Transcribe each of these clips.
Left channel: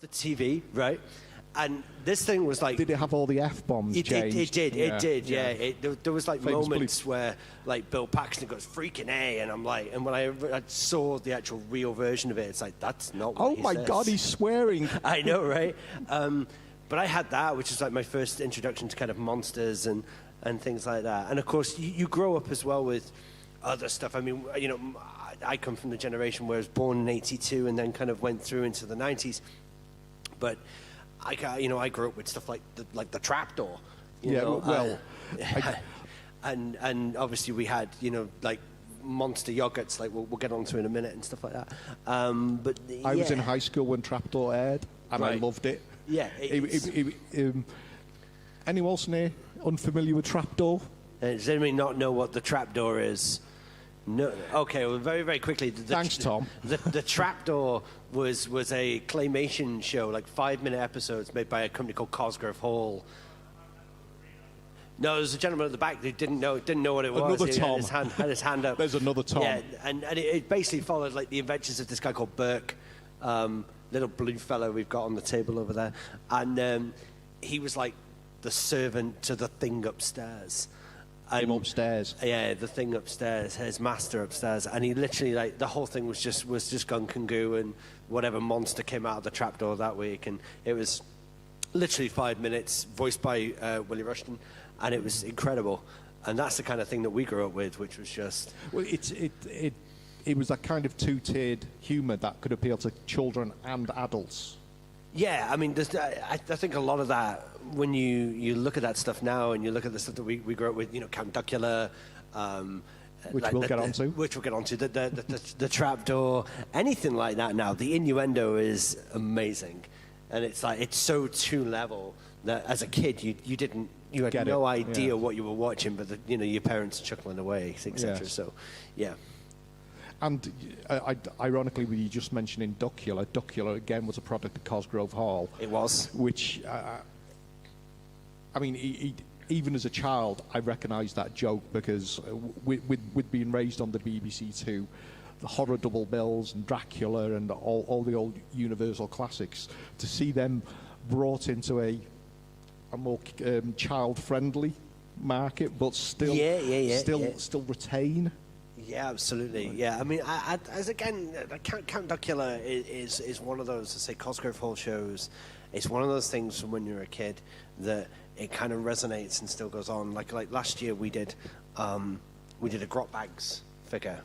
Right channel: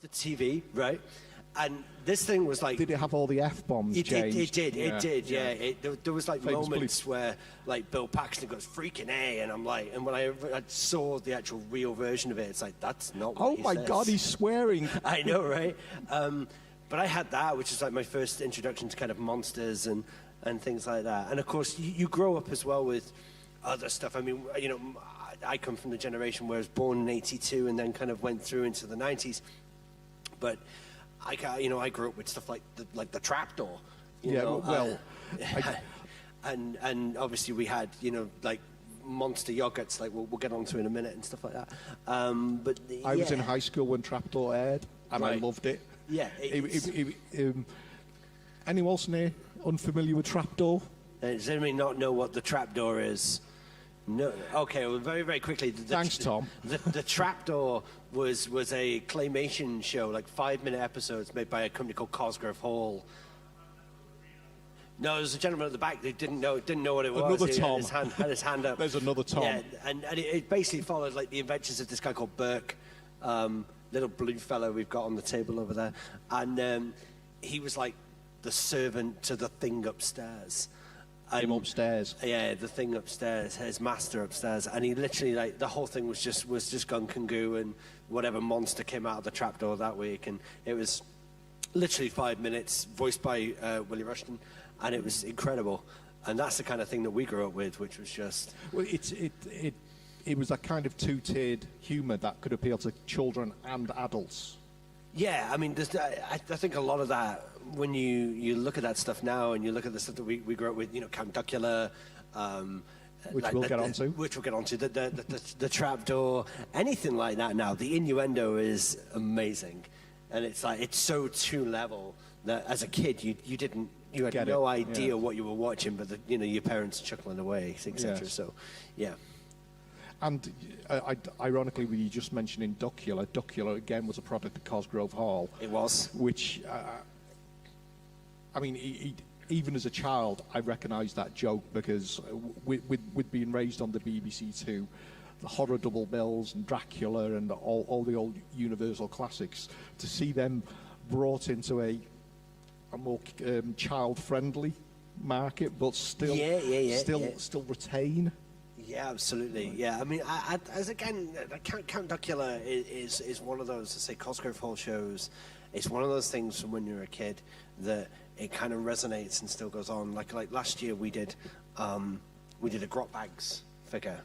the TV, right? And this thing was like... Did it have all the F-bombs changed? It did, yeah. There was like Famous moments where like Bill Paxton goes, freaking A, and I'm like... And when I saw the actual real version of it, it's like, that's not what he says. God, he's swearing. I know, right? But I had that, which is like my first introduction to kind of monsters and things like that. And of course, you grow up as well with other stuff. I mean, you know, I come from the generation where I was born in '82 and then kind of went through into the '90s. But I grew up with stuff like the trapdoor. You know, and obviously we had, you know, like monster yogurts, like we'll get onto in a minute and stuff like that. But I was in high school when Trapdoor aired, and I loved it. Yeah. Anyone else unfamiliar with Trapdoor? Does anybody not know what the trapdoor is? No. Okay. Well, very, very quickly. Thanks, Tom. The Trapdoor was a claymation show, like 5-minute episodes made by a company called Cosgrove Hall. No, there's a gentleman at the back that didn't know what it was. Another Tom. Had his hand up. There's another Tom. Yeah, and it basically followed like the adventures of this guy called Burke, little blue fellow we've got on the table over there, and he was like the servant to the thing upstairs. Him upstairs. Yeah, the thing upstairs, his master upstairs, and he literally like the whole thing was just gunk and goo, and whatever monster came out of the trapdoor that week, and it was literally 5 minutes, voiced by Willie Rushton, and it was incredible. And that's the kind of thing that we grew up with, which was just... Well, it was that kind of two-tiered humour that could appeal to children and adults. Yeah, I mean, I think a lot of that, when you look at that stuff now, and you look at the stuff that we grew up with, you know, Count Duckula, which we'll get onto. The trapdoor, anything like that now. The innuendo is amazing, and it's like it's so two level that as a kid you had no idea what you were watching, but your parents chuckling away, etc. Yes. So, yeah. And ironically, we just mentioning Duckula. Duckula again was a product of Cosgrove Hall. It was, which I mean, even as a child, I recognised that joke because with being raised on the BBC Two, the horror double bills and Dracula and all the old Universal classics, to see them brought into a more child-friendly market, but still retain. Yeah, absolutely. Yeah, I mean, Count Duckula is one of those, say, Cosgrove Hall shows. It's one of those things from when you're a kid that it kind of resonates and still goes on. Like last year, we did a Grot Bags figure.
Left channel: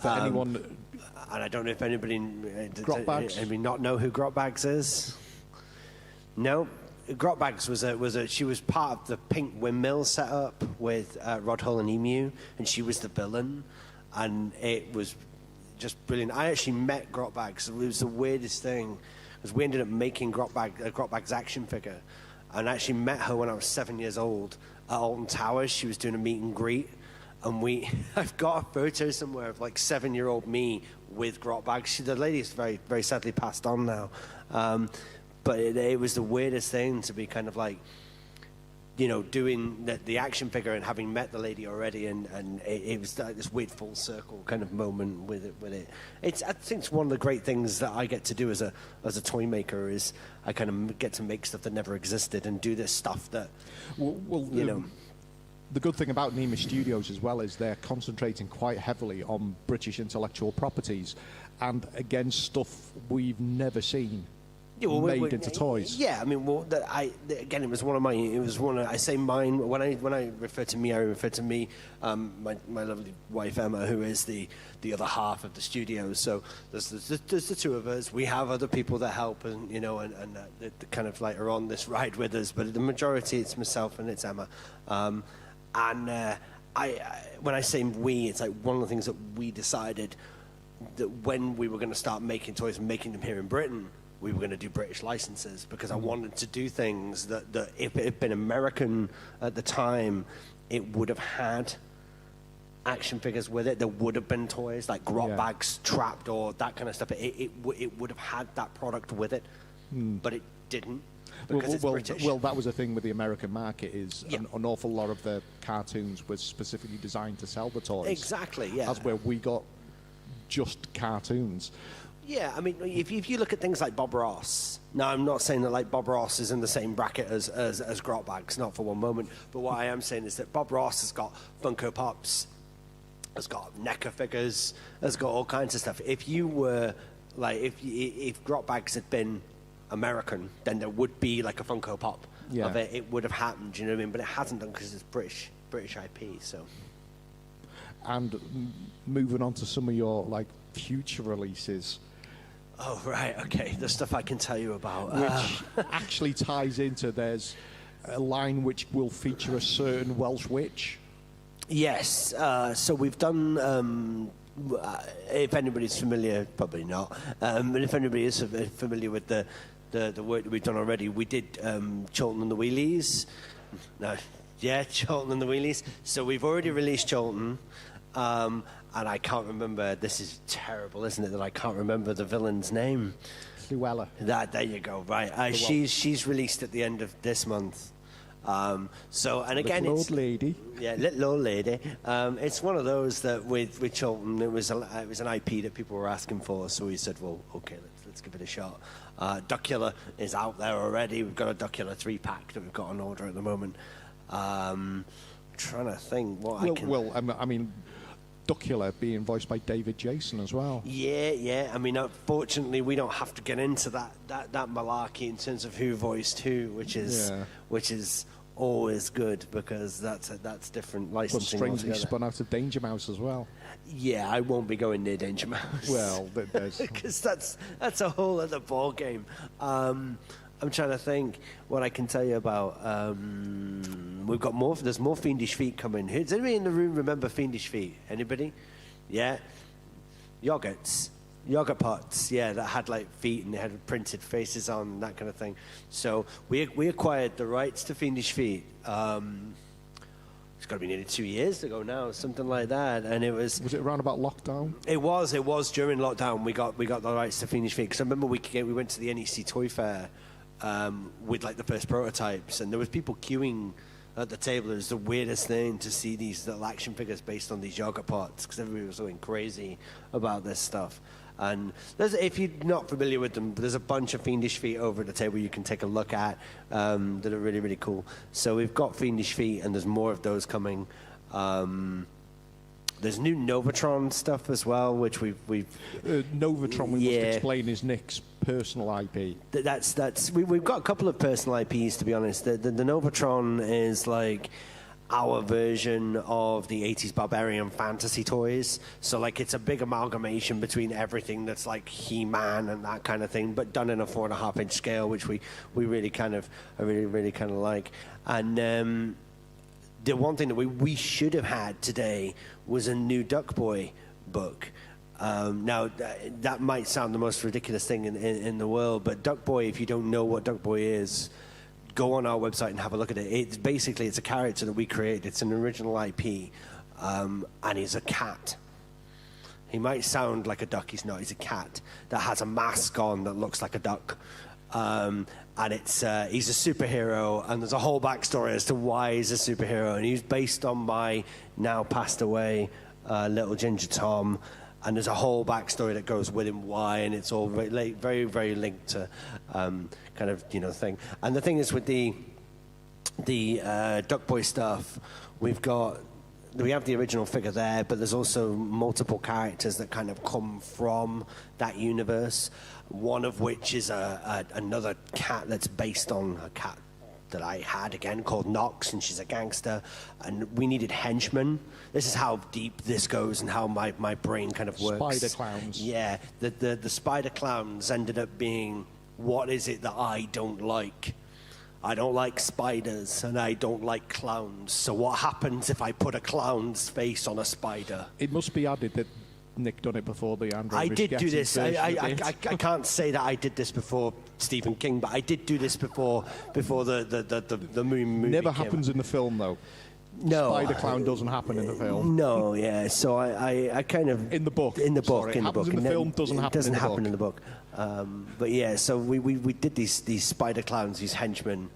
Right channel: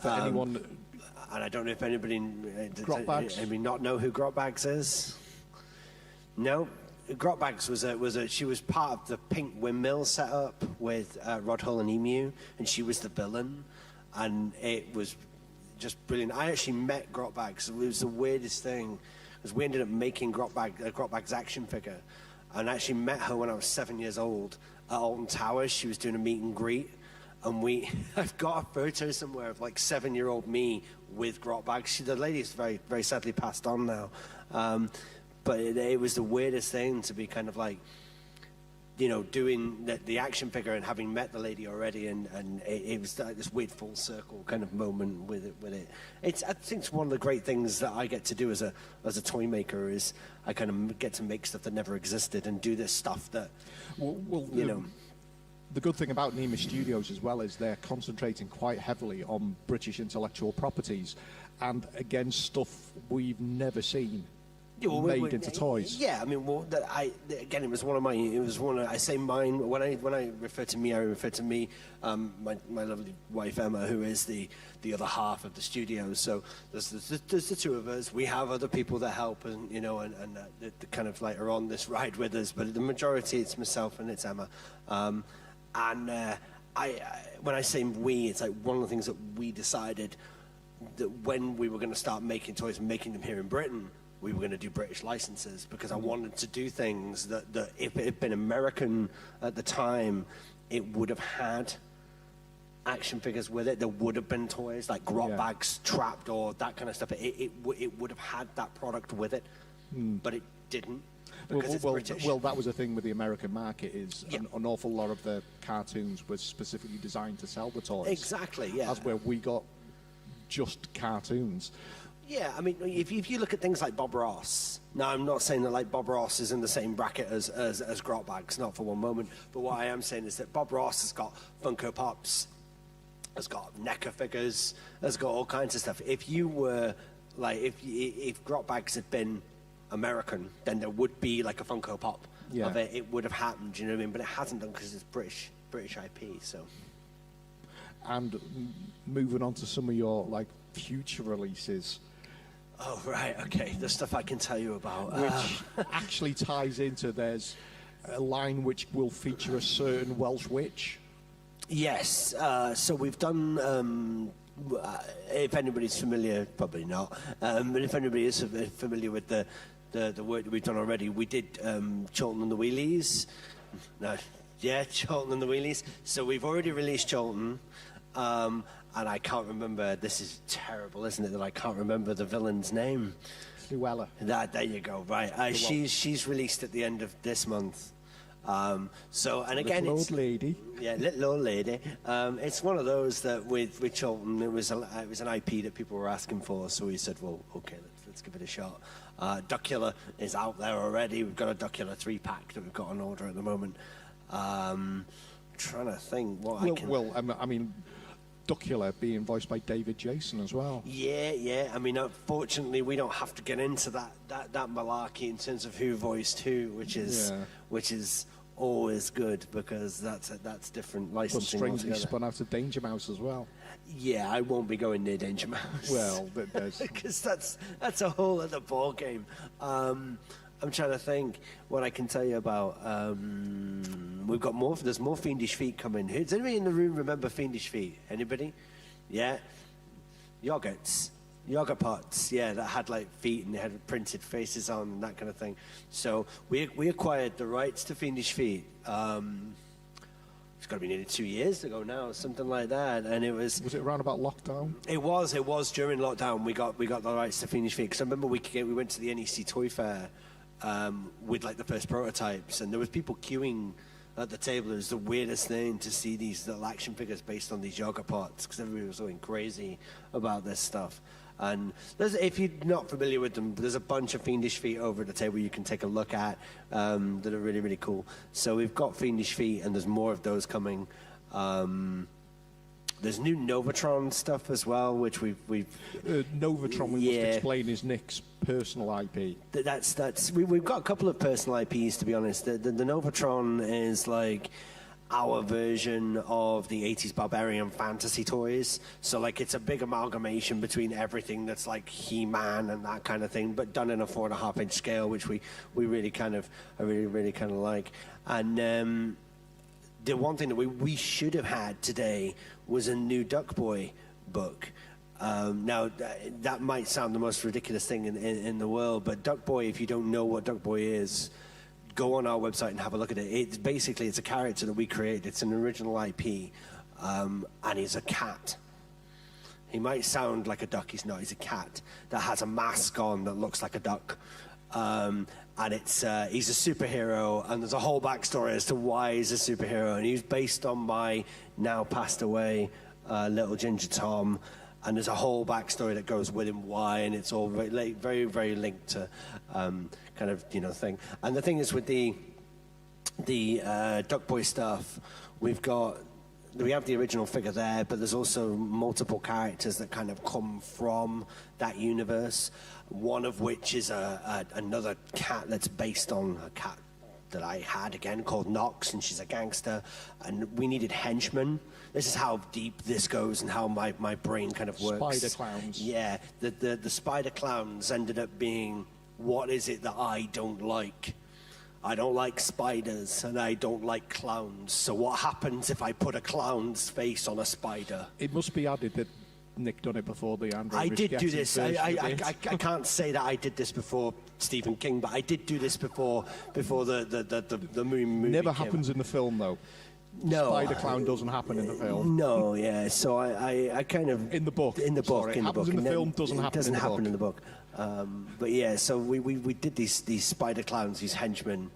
For anyone, and I don't know if anybody not know who Grot Bags is. No. Grot Bags she was part of the Pink Windmill setup with Rod Hull and Emu, and she was the villain, and it was just brilliant. I actually met Grot Bags. It was the weirdest thing, because we ended up making Grot Bags action figure, and I actually met her when I was 7 years old at Alton Towers. She was doing a meet and greet, and I've got a photo somewhere of like 7-year-old me with Grot Bags. The lady's very, very sadly passed on now. But it was the weirdest thing to be kind of like, doing the action figure and having met the lady already, and it was like this weird full circle kind of moment with it. I think it's one of the great things that I get to do as a toy maker is I kind of get to make stuff that never existed and do this stuff that, The good thing about Nema Studios as well is they're concentrating quite heavily on British intellectual properties, and again, stuff we've never seen. Made into toys. Yeah, I mean, it was one of my. I say mine when I refer to me. I refer to me, my lovely wife Emma, who is the other half of the studio. So there's the two of us. We have other people that help, and that kind of like are on this ride with us. But the majority, it's myself and it's Emma. When I say we, it's like one of the things that we decided that when we were going to start making toys and making them here in Britain, we were going to do British licenses, because I wanted to do things that if it had been American at the time, it would have had action figures with it. There would have been toys like Grot Bags, Trapdoor, that kind of stuff. It would have had that product with it, but it didn't. Because it's British. Well, that was the thing with the American market is an awful lot of the cartoons were specifically designed to sell the toys. Exactly, yeah. That's where we got just cartoons. Yeah, I mean, if you look at things like Bob Ross, now I'm not saying that like Bob Ross is in the same bracket as Grotbags, not for one moment, but what I am saying is that Bob Ross has got Funko Pops, has got NECA figures, has got all kinds of stuff. If you were, like, if Grotbags had been American, then there would be like a Funko Pop of it. It would have happened, you know what I mean? But it hasn't done because it's British IP, so... And moving on to some of your, like, future releases... Oh, right, okay. The stuff I can tell you about. Which actually ties into, there's a line which will feature a certain Welsh witch. Yes. So we've done, if anybody's familiar, probably not, but if anybody is familiar with the work that we've done already, we did Chorlton and the Wheelies. No, yeah, Chorlton and the Wheelies. So we've already released Chorlton. And I can't remember, this is terrible, isn't it, that I can't remember the villain's name? Llewellyn. There you go, right. She's released at the end of this month. So, and again, little old lady. Yeah, little old lady. It's one of those that with Chorlton, it was an IP that people were asking for, so we said, well, okay, let's give it a shot. Duckula is out there already. We've got a Duckula 3-pack that we've got on order at the moment. Trying to think what I can... Well, I mean... Duckula being voiced by David Jason as well. Yeah. I mean, unfortunately, we don't have to get into that malarkey in terms of who voiced who, which is always good because that's different licensing. But strangely spun out of Danger Mouse as well. Yeah, I won't be going near Danger Mouse. Well, because that's a whole other ball game. I'm trying to think what I can tell you about. We've got more. There's more Fiendish Feet coming. Does anybody in the room remember Fiendish Feet? Anybody? Yeah. Yogurt pots. Yeah, that had like feet and they had printed faces on and that kind of thing. So we acquired the rights to Fiendish Feet. It's got to be nearly 2 years ago now, something like that. And it was. Was it around about lockdown? It was during lockdown. We got the rights to Fiendish Feet because I remember we went to the NEC Toy Fair. With like the first prototypes, and there was people queuing at the table. It was the weirdest thing to see these little action figures based on these yogurt pots because everybody was going crazy about this stuff. And if you're not familiar with them, there's a bunch of Fiendish Feet over at the table you can take a look at that are really, really cool. So we've got Fiendish Feet, and there's more of those coming. There's new Novatron stuff as well, which we've Novatron, we must explain, is Nick's personal IP. We've got a couple of personal IPs, to be honest. The Novatron is like our version of the 80s Barbarian fantasy toys. So like it's a big amalgamation between everything that's like He-Man and that kind of thing, but done in a 4.5-inch scale, which we really kind of like. And the one thing that we should have had today was a new Duck Boy book. Now, that might sound the most ridiculous thing in the world, but Duck Boy, if you don't know what Duck Boy is, go on our website and have a look at it. It's a character that we created. It's an original IP, and he's a cat. He might sound like a duck. He's not. He's a cat that has a mask on that looks like a duck. And he's a superhero, and there's a whole backstory as to why he's a superhero. And he's based on my now passed away little Ginger Tom, and there's a whole backstory that goes with him why, and it's all very, very, very linked to kind of thing. And the thing is with the Duck Boy stuff, we have the original figure there, but there's also multiple characters that kind of come from that universe. One of which is another cat that's based on a cat that I had, again, called Nox, and she's a gangster. And we needed henchmen. This is how deep this goes and how my brain kind of works. Spider clowns. Yeah, the spider clowns ended up being, what is it that I don't like? I don't like spiders, and I don't like clowns. So what happens if I put a clown's face on a spider? It must be added that Nick done it before the Andrew. I did do this. I can't say that I did this before Stephen King, but I did do this before the movie. Never happens in the film, though. No, Spider Clown doesn't happen in the film. No, yeah. So I kind of in the book. In the book. Sorry, in the book. In the film, doesn't happen in the book. But yeah, so we did these spider clowns, these henchmen.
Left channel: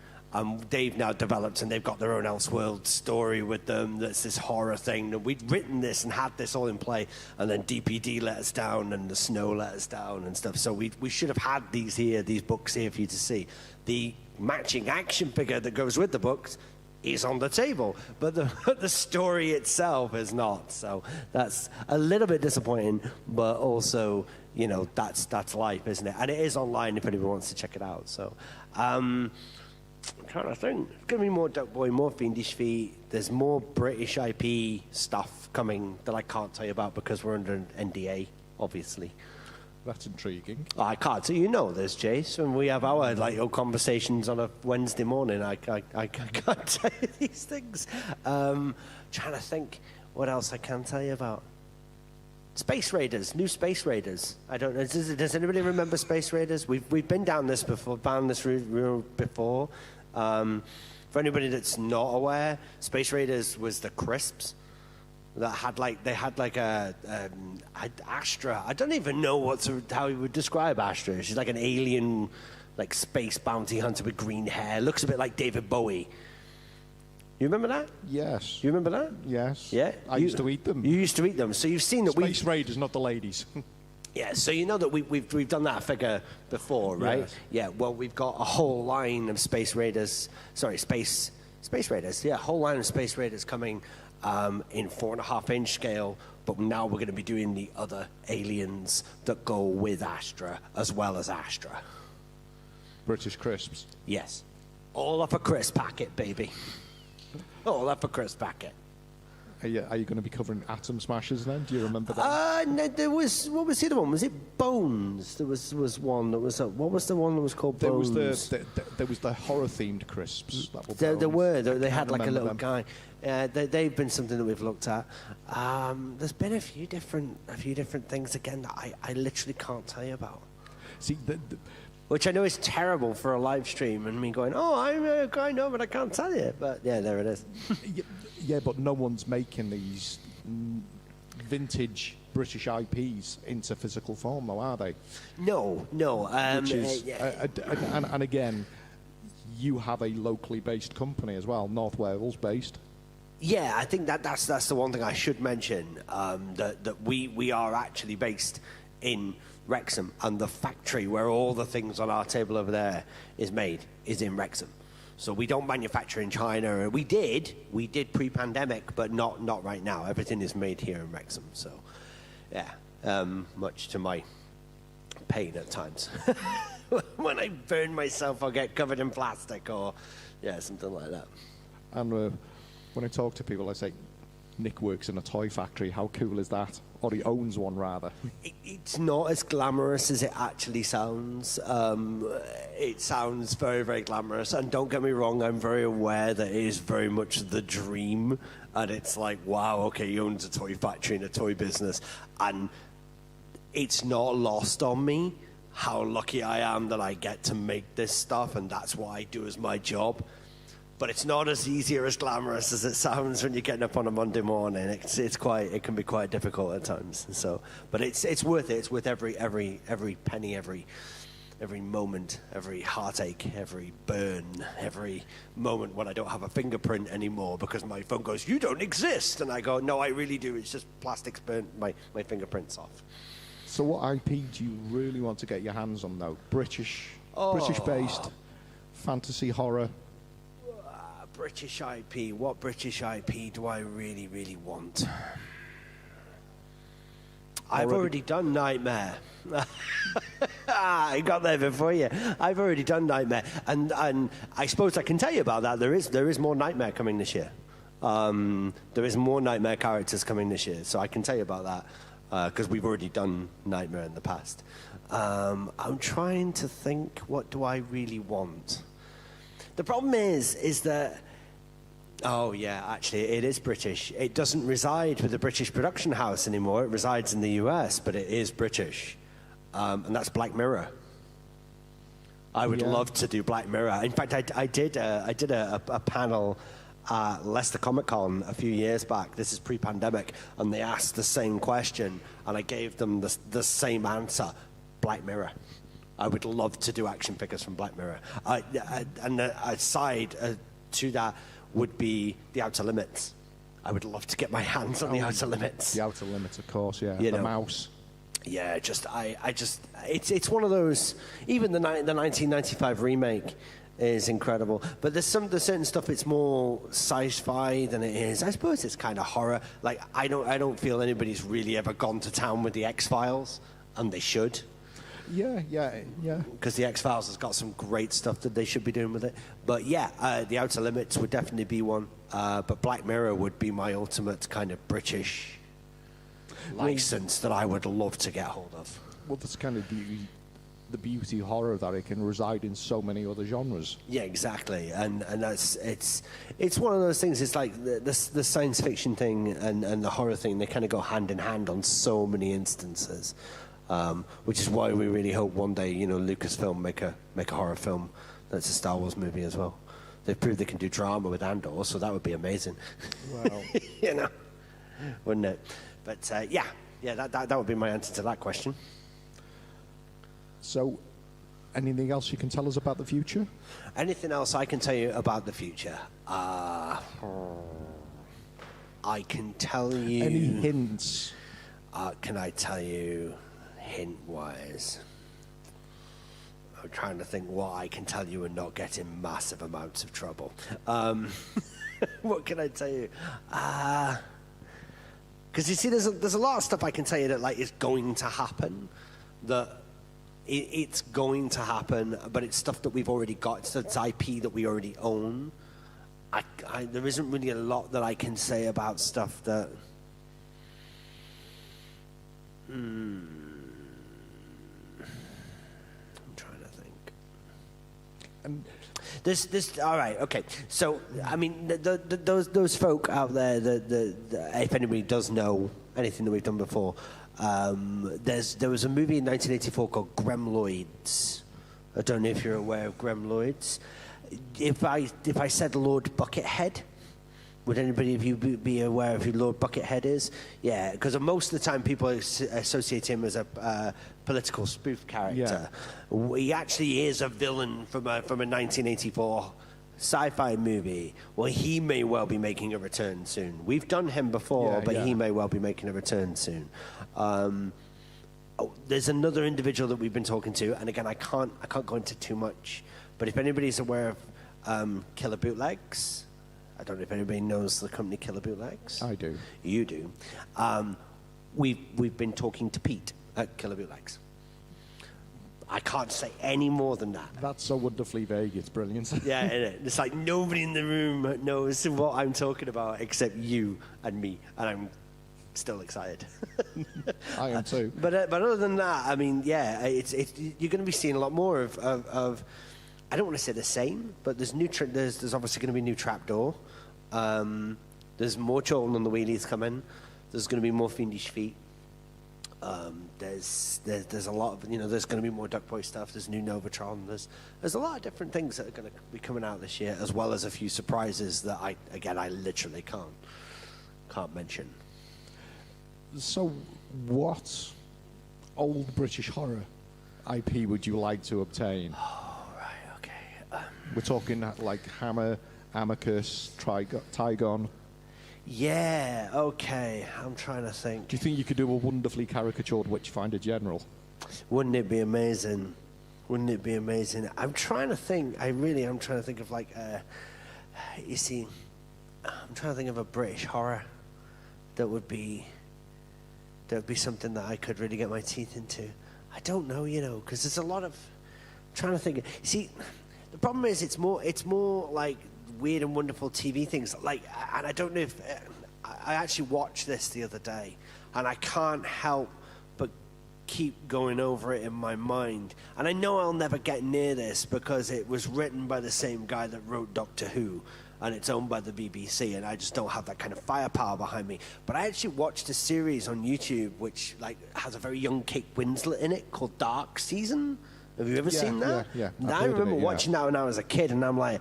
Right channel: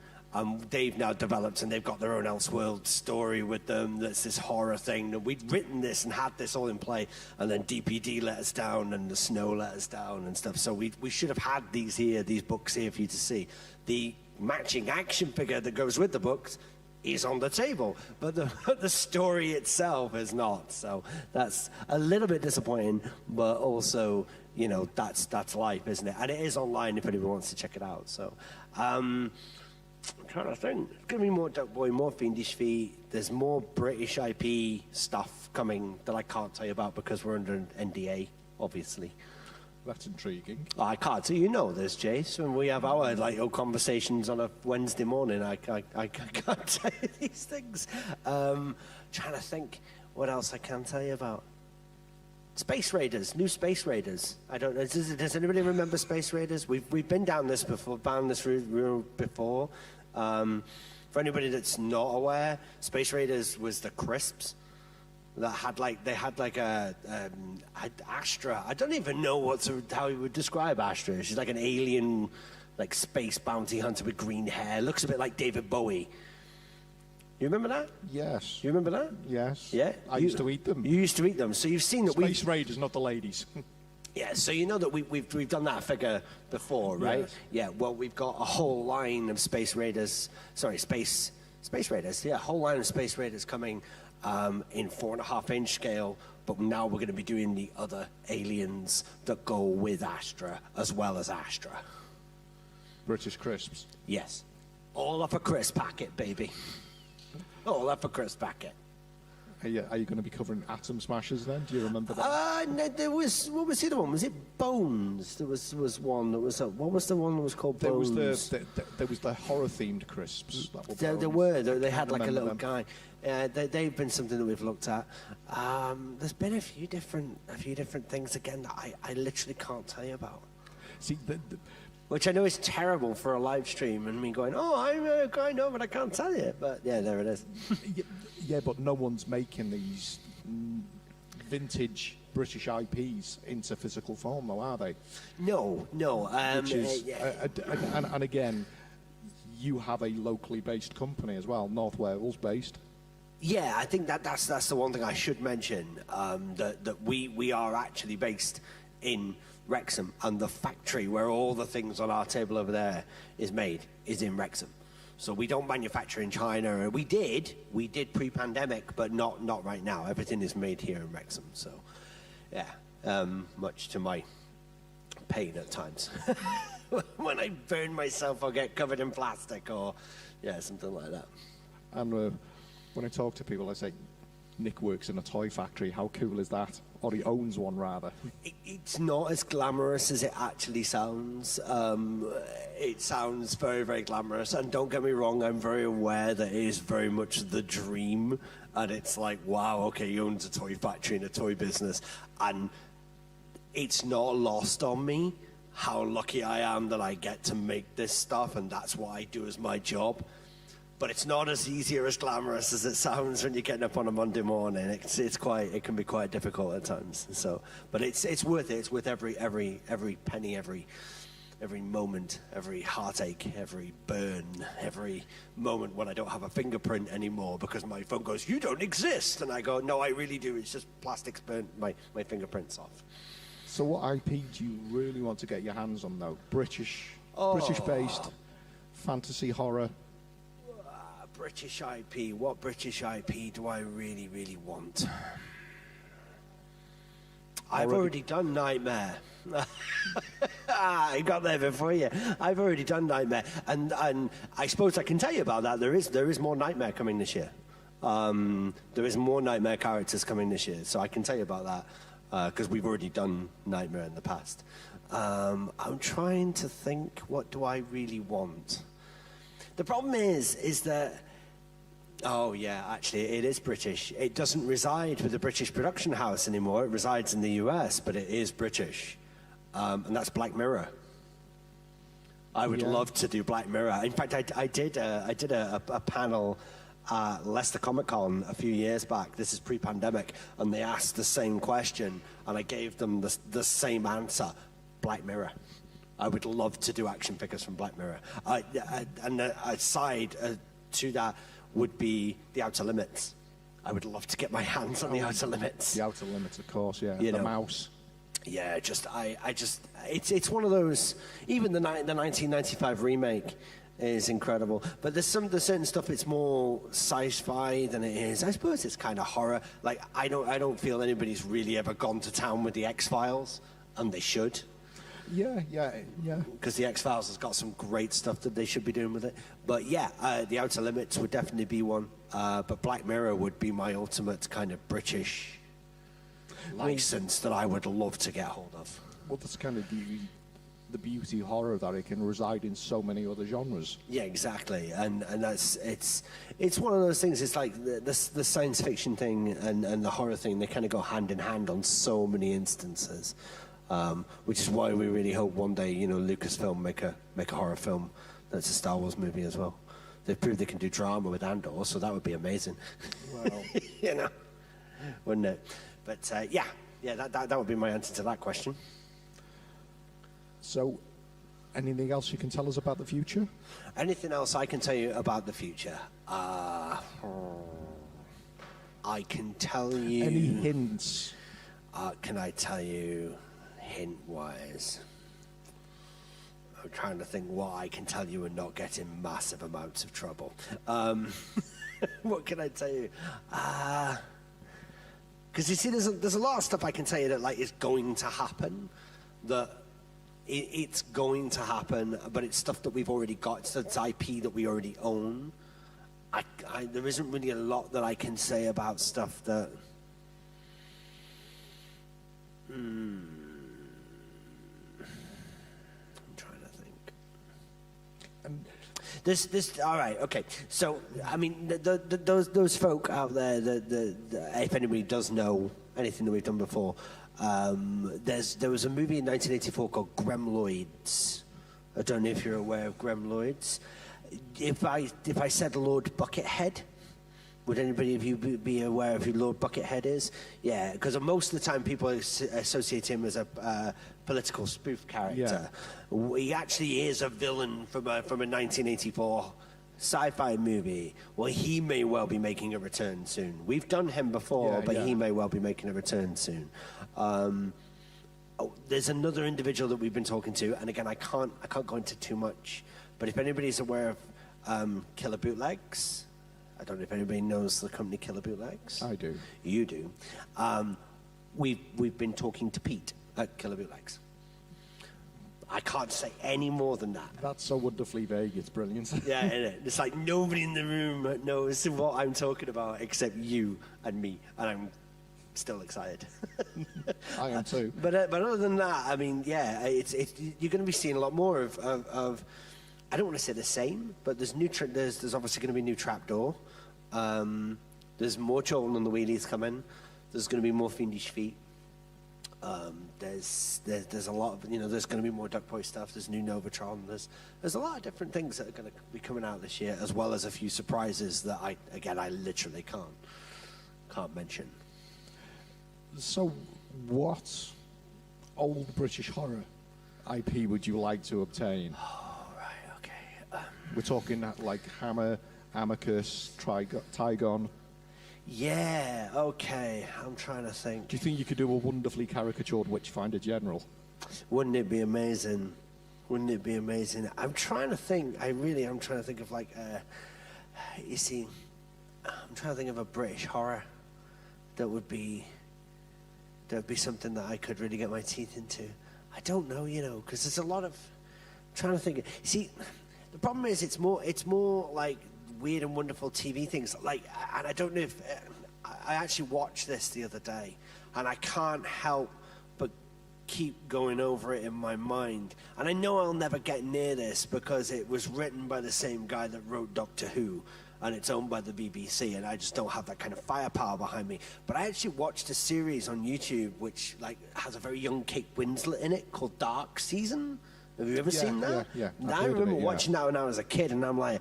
they've now developed, and they've got their own Elseworld story with them. That's this horror thing. And we'd written this and had this all in play, and then DPD let us down, and the snow let us down, and stuff. So we should have had these books here for you to see. The matching action figure that goes with the books is on the table, but the story itself is not. So that's a little bit disappointing, but also, you know, that's life, isn't it? And it is online if anyone wants to check it out. So I'm trying to think. There's going to be more Duck Boy, more Fiendish Feet. There's more British IP stuff coming that I can't tell you about because we're under an NDA, obviously. That's intriguing. I can't. So you know this, Jace. When we have our conversations on a Wednesday morning, I can't tell you these things. Trying to think what else I can tell you about. Space Raiders, new Space Raiders. I don't know. Does anybody remember Space Raiders? We've been down this road before. For anybody that's not aware, Space Raiders was the crisps. That had a Astra. I don't even know how you would describe Astra. She's like an alien, like space bounty hunter with green hair. Looks a bit like David Bowie. You remember that? Yes. You remember that? Yes. Yeah. I used to eat them. You used to eat them. So you've seen that Space Raiders, not the ladies. Yeah. So you know that we've done that figure before, right? Yes. Yeah. Well, we've got a whole line of Space Raiders. Sorry, Space Raiders. Yeah, a whole line of Space Raiders coming. In 4.5-inch scale, but now we're going to be doing the other aliens that go with Astra as well as Astra. British crisps. Yes. All up a crisp packet, baby. All up a crisp packet. Are you going to be covering Atom Smashers then? Do you remember that? No, there was, what was the other one? Was it Bones? There was one that was, what was the one that was called Bones? There was the horror-themed crisps. There were. They had like a little guy. They've been something that we've looked at. There's been a few different things again that I literally can't tell you about. See, which I know is terrible for a live stream, and me going, I know, but I can't tell you. But yeah, there it is. Yeah, but no one's making these vintage British IPs into physical form, though, are they? No. Which is, and again, you have a locally based company as well, North Wales based. Yeah, I think that's the one thing I should mention, that we are actually based in Wrexham, and the factory where all the things on our table over there is made is in Wrexham. So we don't manufacture in China. We did pre-pandemic, but not right now. Everything is made here in Wrexham. So, yeah, much to my pain at times. When I burn myself, I'll get covered in plastic or, something like that. And when I talk to people, I say, Nick works in a toy factory. How cool is that? Or he owns one, rather. It's not as glamorous as it actually sounds. It sounds very, very glamorous. And don't get me wrong, I'm very aware that it is very much the dream. And it's like, wow, okay, he owns a toy factory and a toy business. And it's not lost on me how lucky I am that I get to make this stuff, and that's what I do as my job. But it's not as easy or as glamorous as it sounds when you're getting up on a Monday morning. It can be quite difficult at times. So, but it's worth it. It's worth every penny, every moment, every heartache, every burn, every moment when I don't have a fingerprint anymore because my phone goes, "You don't exist," and I go, "No, I really do. It's just plastic's burnt my fingerprints off." So, what IP do you really want to get your hands on, though? British-based fantasy horror. British IP. What British IP do I really, really want? I've already done Nightmare. I got there before you. I've already done Nightmare, and I suppose I can tell you about that. There is more Nightmare coming this year. There is more Nightmare characters coming this year, so I can tell you about that because we've already done Nightmare in the past. I'm trying to think. What do I really want? The problem is that, oh yeah, actually it is British. It doesn't reside with the British production house anymore. It resides in the US, but it is British. And that's Black Mirror. I would love to do Black Mirror. In fact, I did a panel at Leicester Comic Con a few years back. This is pre-pandemic, and they asked the same question, and I gave them the same answer: Black Mirror. I would love to do action figures from Black Mirror. And a side to that would be the Outer Limits. I would love to get my hands on the Outer Limits. The Outer Limits, of course, yeah. You the know. mouse. Yeah, it's one of those. Even the 1995 remake is incredible, but there's certain stuff. It's more sci-fi than it is. I suppose it's kind of horror. Like I don't feel anybody's really ever gone to town with the X-Files, and they should. Yeah. Because the X-Files has got some great stuff that they should be doing with it. But yeah, the Outer Limits would definitely be one. But Black Mirror would be my ultimate kind of British license that I would love to get hold of. Well, that's kind of the beauty horror that it can reside in so many other genres. Yeah, exactly, and that's it's one of those things. It's like the science fiction thing and the horror thing. They kind of go hand in hand on so many instances, which is why we really hope one day, Lucasfilm make a horror film that's a Star Wars movie as well. They've proved they can do drama with Andor, so that would be amazing. Wow. Wouldn't it? But that would be my answer to that question. So, anything else you can tell us about the future? Anything else I can tell you about the future? I can tell you... Any hints? Can I tell you hint-wise? I'm trying to think what I can tell you and not get in massive amounts of trouble. What can I tell you? Because you see, there's a lot of stuff I can tell you that is going to happen. That it's going to happen, but it's stuff that we've already got. It's IP that we already own. There isn't really a lot that I can say about stuff that. I'm trying to think. This all right, okay. So I mean, those folk out there, if anybody does know anything that we've done before, there was a movie in 1984 called Gremloids. I don't know if you're aware of Gremloids. If I said Lord Buckethead, would anybody of you be aware of who Lord Buckethead is? Yeah, because most of the time people associate him as a political spoof character. Yeah. He actually is a villain from a 1984 sci-fi movie. Well, he may well be making a return soon. We've done him before, but he may well be making a return soon. There's another individual that we've been talking to, and again, I can't go into too much. But if anybody's aware of Killer Bootlegs. I don't know if anybody knows the company Killer Bootlegs. I do. You do. We've been talking to Pete at Killer Bootlegs. I can't say any more than that. That's so wonderfully vague. It's brilliant. Yeah, isn't it? It's like nobody in the room knows what I'm talking about except you and me, and I'm still excited. I am too. But other than that, I mean, yeah, it's you're going to be seeing a lot more of I don't want to say the same, but there's obviously going to be a new trapdoor. There's more Children on the Wheelies coming. There's going to be more Fiendish Feet. There's a lot of there's going to be more Duck Boy stuff. There's new Novatron. There's a lot of different things that are going to be coming out this year, as well as a few surprises that I literally can't mention. So, what old British horror IP would you like to obtain? We're talking like Hammer, Amicus, Tygon. Yeah, okay. I'm trying to think. Do you think you could do a wonderfully caricatured Witchfinder General? Wouldn't it be amazing? Wouldn't it be amazing? I'm trying to think. I'm trying to think of you see, I'm trying to think of a British horror that would be something that I could really get my teeth into. I don't know, because there's a lot of. I'm trying to think. See. The problem is it's more like weird and wonderful TV things. And I don't know if I actually watched this the other day, and I can't help but keep going over it in my mind. And I know I'll never get near this because it was written by the same guy that wrote Doctor Who, and it's owned by the BBC, and I just don't have that kind of firepower behind me. But I actually watched a series on YouTube which has a very young Kate Winslet in it called Dark Season. Have you ever seen that? Yeah. I remember watching that when I was a kid, and I'm like,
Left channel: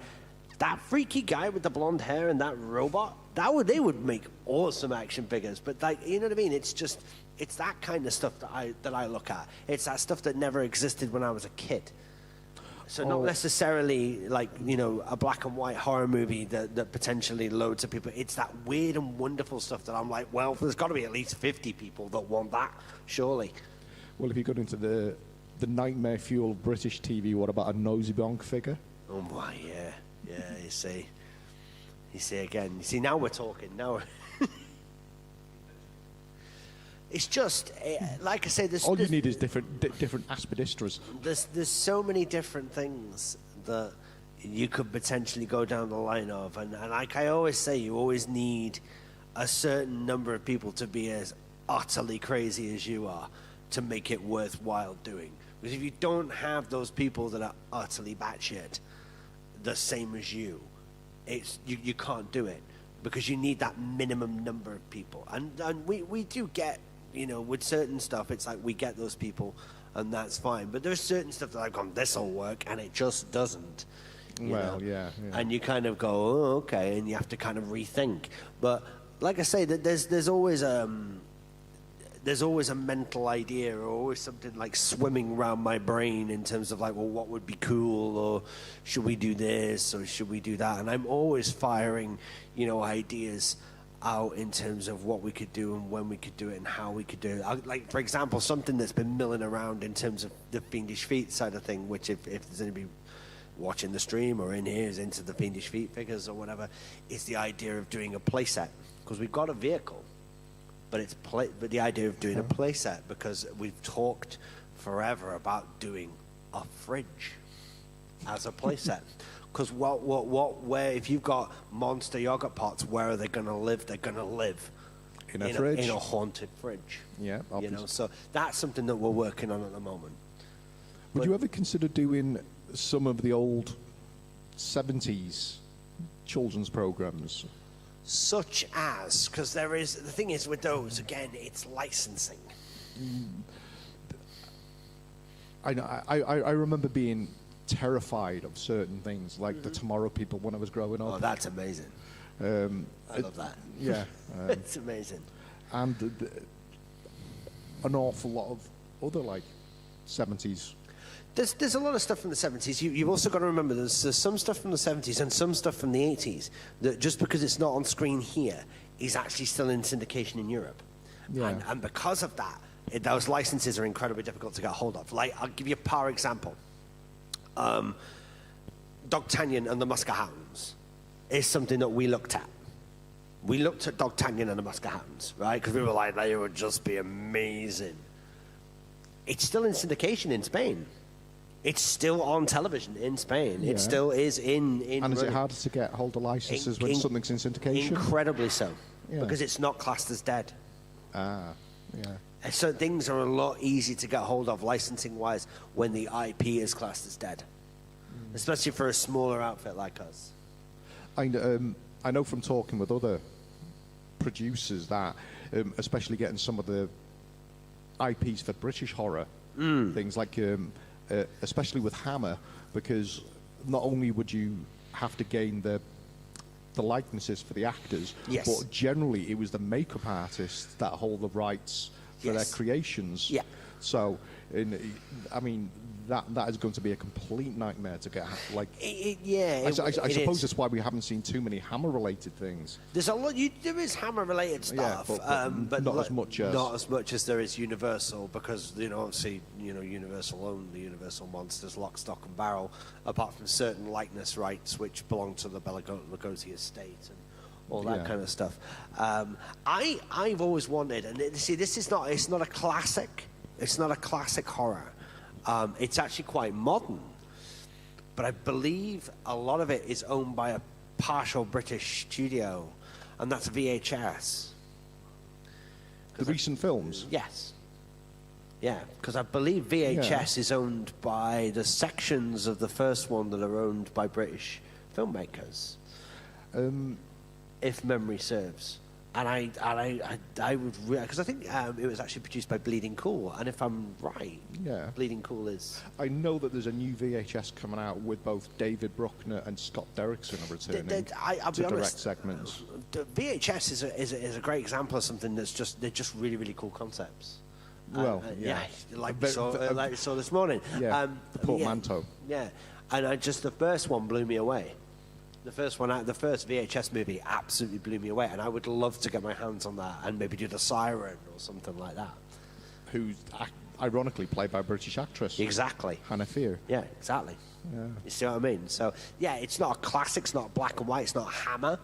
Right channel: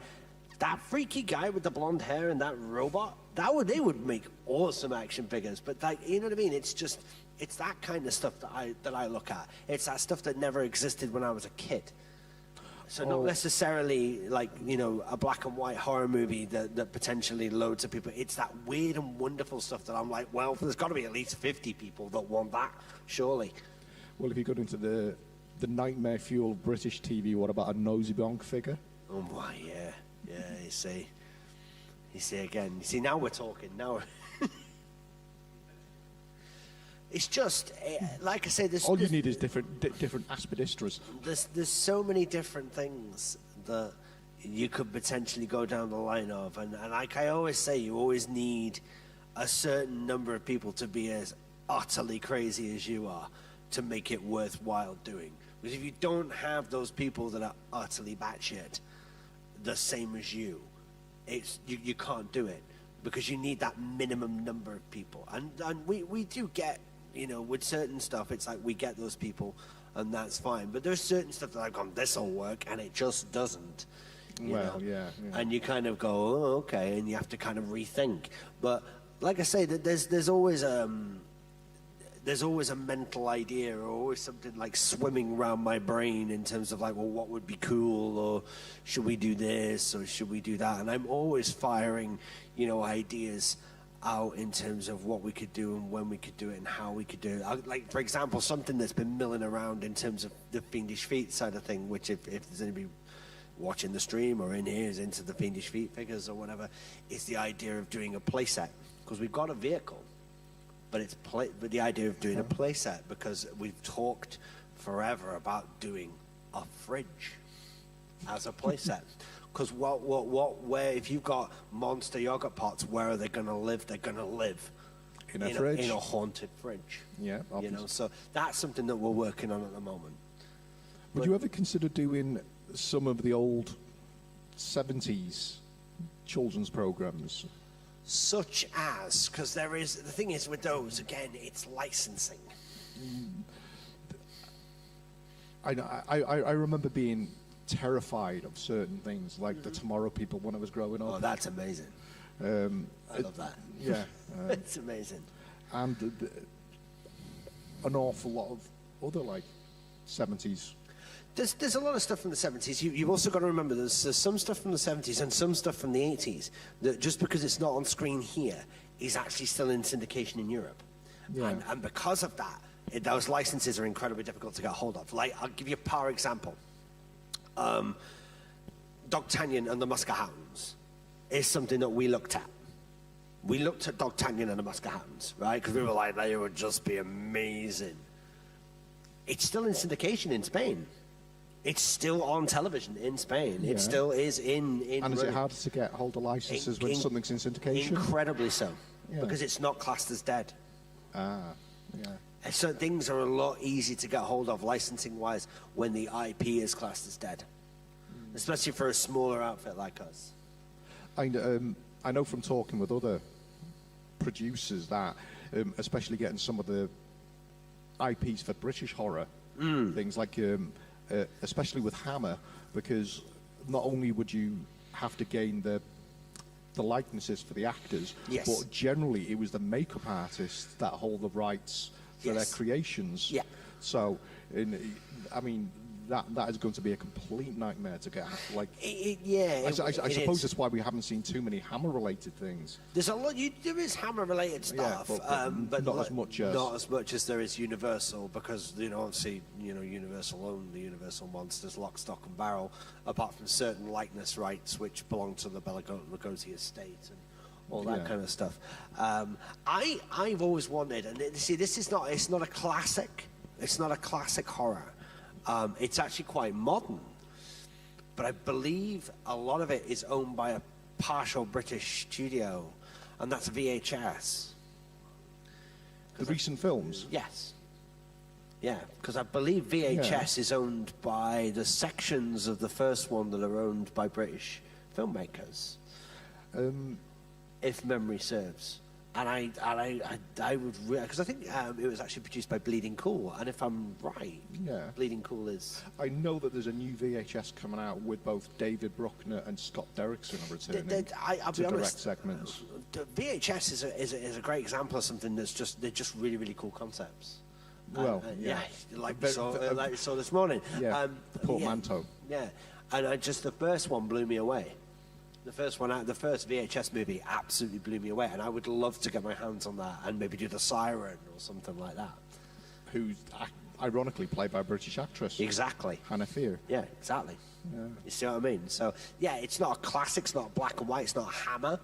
that freaky guy with the blonde hair and that robot, they would make awesome action figures. But you know what I mean? It's just it's that kind of stuff that I look at. It's that stuff that never existed when I was a kid. So not necessarily like, you know, a black and white horror movie that potentially loads of people. It's that weird and wonderful stuff that I'm like, well, there's got to be at least 50 people that want that, surely. Well, if you got into the nightmare-fueled British TV, what about a nosy bonk figure? Oh, my, yeah. Yeah, you see. You see again. You see, now we're talking. Now it's just, like I say, all you need is different aspidistras. There's so many different things that you could potentially go down the line of. And like I always say, you always need a certain number of people to be as utterly crazy as you are to make it worthwhile doing. Because if you don't have those people that are utterly batshit, the same as you, you can't do it. Because you need that minimum number of people. And we do get, you know, with certain stuff, it's like we get those people, and that's fine. But there's certain stuff that I've gone, this'll work, and it just doesn't. Well, yeah. And you kind of go, oh, okay, and you have to kind of rethink. But like I say, there's always a mental idea, or always something like swimming around my brain in terms of like, well, what would be cool, or should we do this, or should we do that? And I'm always firing, you know, ideas out in terms of what we could do and when we could do it and how we could do it. Like, for example, something that's been milling around in terms of the Fiendish Feet side of thing, which if there's anybody watching the stream or in here is into the Fiendish Feet figures or whatever, is the idea of doing a playset. Because we've got a vehicle, but but the idea of doing a playset, because we've talked forever about doing a fridge as a playset. Because where if you've got monster yogurt pots, where are they going to live? They're going to live in a fridge, in a haunted fridge. Yeah, obviously. You know, so that's something that we're working on at the moment. Would you ever consider doing some of the old 70s children's programs? Such as, because the thing is with those, again, it's licensing. I remember being terrified of certain things, like the Tomorrow People when I was growing up. Oh, that's amazing. I love that. Yeah. It's amazing. And an awful lot of other, like, 70s. There's a lot of stuff from the 70s. You've also got to remember there's some stuff from the 70s and some stuff from the 80s that just because it's not on screen here is actually still in syndication in Europe. Yeah. And because of that, those licenses are incredibly difficult to get hold of. Like, I'll give you a par example. D'Artagnan and the Musca Hounds is something that we looked at. We looked at D'Artagnan and the Musca Hounds, right? Because we were like, they would just be amazing. It's still in syndication in Spain. It's still on television in Spain. Yeah. It still is in and is it harder to get hold of licenses when something's in syndication? Incredibly so, because it's not classed as dead. Ah, yeah. So things are a lot easier to get hold of licensing-wise when the IP is classed as dead, especially for a smaller outfit like us. I know from talking with other producers that, especially getting some of the IPs for British horror, things like, especially with Hammer, because not only would you have to gain the likenesses for the actors, but generally it was the makeup artists that hold the rights for their creations. Yeah. So, I mean, that is going to be a complete nightmare to get. Like, I suppose that's why we haven't seen too many Hammer-related things. There's a lot. There is Hammer-related stuff, but not as much as there is Universal, because obviously Universal own the Universal monsters, lock, stock, and barrel. Apart from certain likeness rights which belong to the Bela Lugosi estate and all that kind of stuff. I've always wanted, and see, it's not a classic. It's not a classic horror. It's actually quite modern, but I believe a lot of it is owned by a partial British studio, and that's VHS. The recent films? Yes. Yeah, because I believe VHS is owned by the sections of the first one that are owned by British filmmakers, if memory serves. And I would, because I think it was actually produced by Bleeding Cool, and if I'm right, Bleeding Cool is. I know that there's a new VHS coming out with both David Bruckner and Scott Derrickson returning I'll to be direct honest, segments. VHS is a great example of something they're just really, really cool concepts. Well, like we saw this morning. Yeah, the portmanteau. Yeah, and the first one blew me away. The first VHS movie absolutely blew me away, and I would love to get my hands on that and maybe do the Siren or something like that. Who's ironically played by a British actress. Exactly. Hannah Fear. Yeah, exactly. Yeah. You see what I mean? So, yeah, it's not a classic, it's not black and white, it's not a Hammer,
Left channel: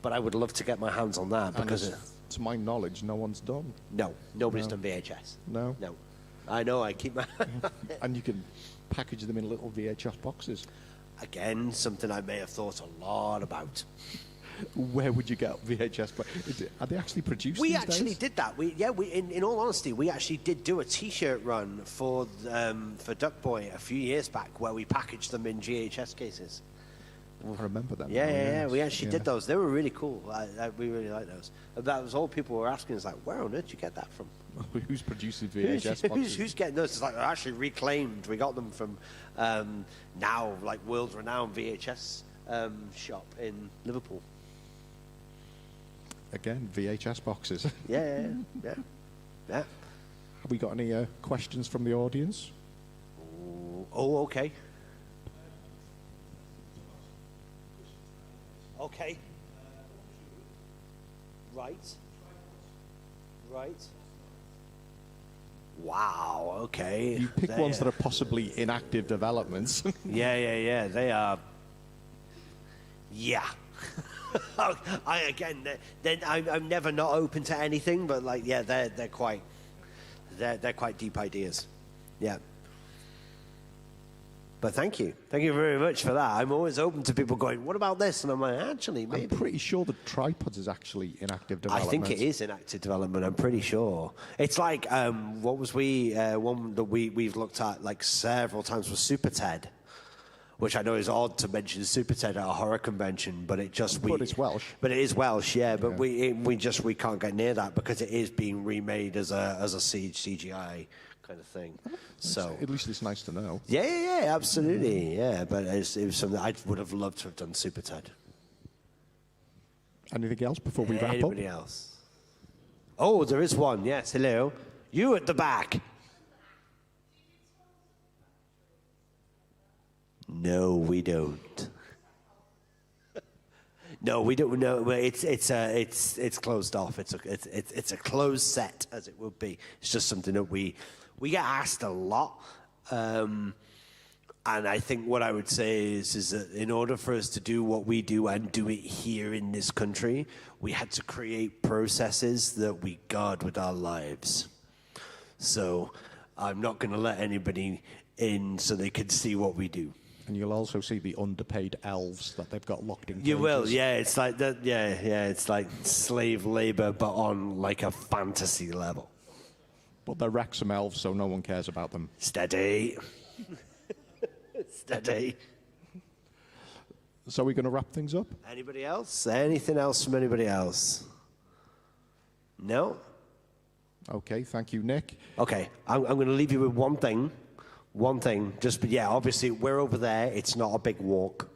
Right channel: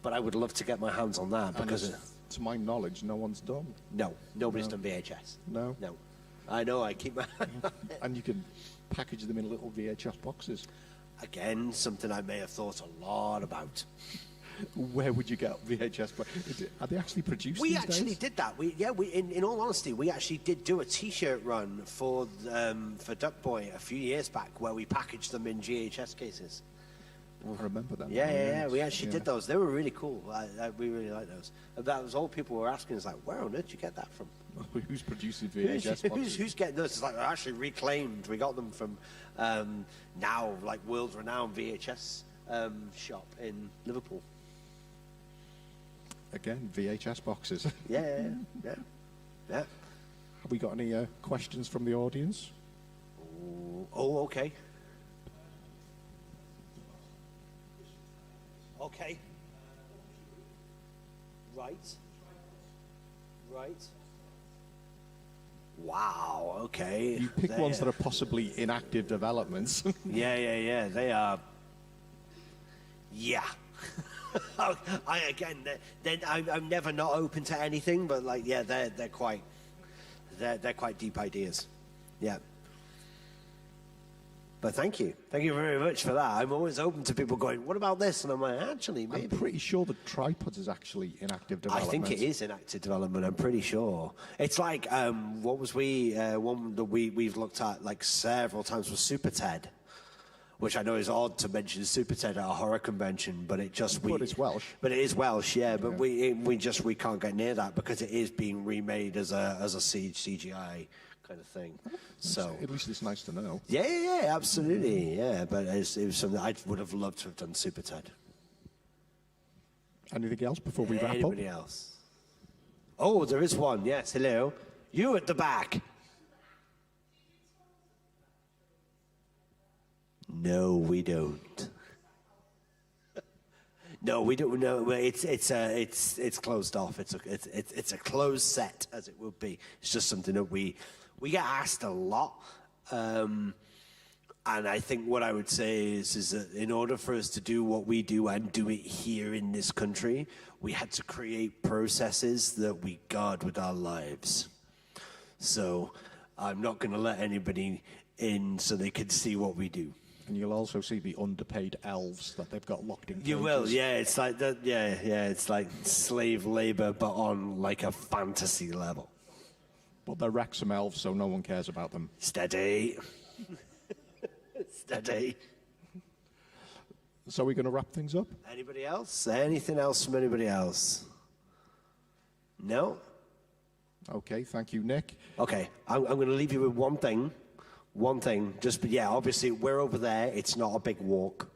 but I would love to get my hands on that because... to my knowledge, no one's done. No, nobody's done VHS. No? No. I know, I keep my... And you can package them in little VHS boxes. Again, something I may have thought a lot about. Where would you get VHS? Are they actually produced We these actually days? did that. In all honesty, we actually did do a T-shirt run for Duck Boy a few years back where we packaged them in VHS cases. I remember that. Yeah. We actually did those. They were really cool. We really liked those. And that was all people were asking us, like, where on earth did you get that from? Who's producing VHS boxes? Who's getting those? It's like they're actually reclaimed. We got them from now, like, world-renowned VHS shop in Liverpool. Again, VHS boxes. Yeah. Have we got any questions from the audience? Oh, okay. Okay. Right. Wow, okay. You pick ones that are possibly in active developments. Yeah. They are. Yeah. I'm never not open to anything, but like, yeah, they're quite deep ideas. Yeah. But thank you very much for that. I'm always open to people going, what about this? And I'm like, actually, maybe. I'm pretty sure the tripods is actually in active development. I think it is in active development. I'm pretty sure. It's like what was one that we've looked at like several times was Super Ted. Which I know is odd to mention Super Ted at a horror convention, but it's Welsh. But it is Welsh, yeah. But we can't get near that because it is being remade as a CGI kind of thing. So at least it's nice to know. Yeah, absolutely, yeah. But it was something I would have loved to have done. Super Ted. Anything else before we wrap up? Anybody else? Oh, there is one. Yes, hello. You at the back. No, we don't. No, we don't. No, it's closed off. It's a closed set, as it would be. It's just something that we get asked a lot, and I think what I would say is that in order for us to do what we do and do it here in this country, we had to create processes that we guard with our lives. So I'm not going to let anybody in so they can see what we do. And you'll also see the underpaid elves that they've got locked in cages. You will, yeah. It's like that. Yeah. It's like slave labor, but on like a fantasy level. But they're Wrexham elves, so no one cares about them. Steady. Steady. So we're going to wrap things up? Anybody else? Anything else from anybody else? No? Okay, thank you, Nick. Okay, I'm going to leave you with one thing. One thing, obviously we're over there. It's not a big walk,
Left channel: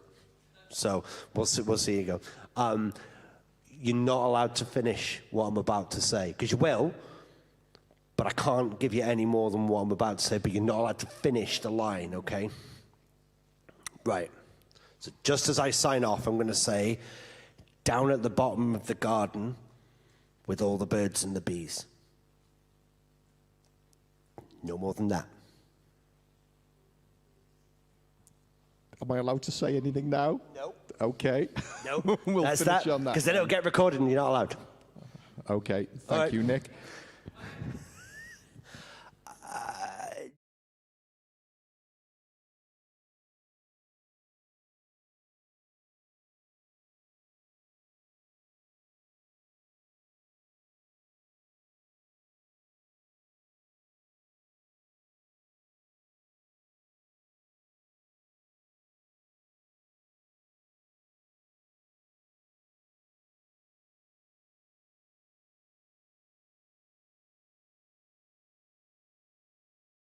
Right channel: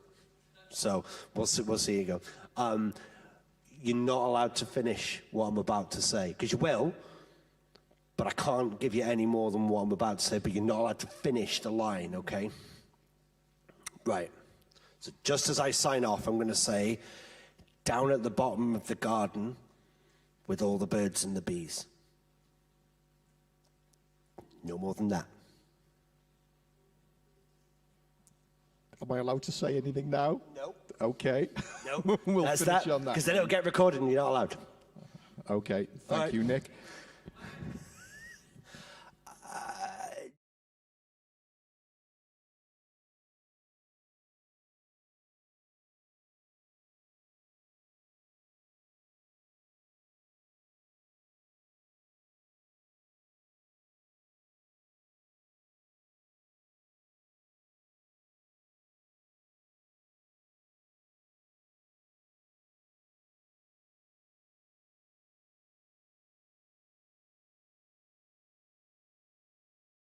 so we'll see you go. You're not allowed to finish what I'm about to say because you will, but I can't give you any more than what I'm about to say. But you're not allowed to finish the line, okay? Right. So just as I sign off, I'm going to say, down at the bottom of the garden, with all the birds and the bees. No more than that. Am I allowed to say anything now? Nope. Okay. Nope. We'll That's finish that, on that. because then it'll get recorded and you're not allowed. Okay. Thank you, Nick.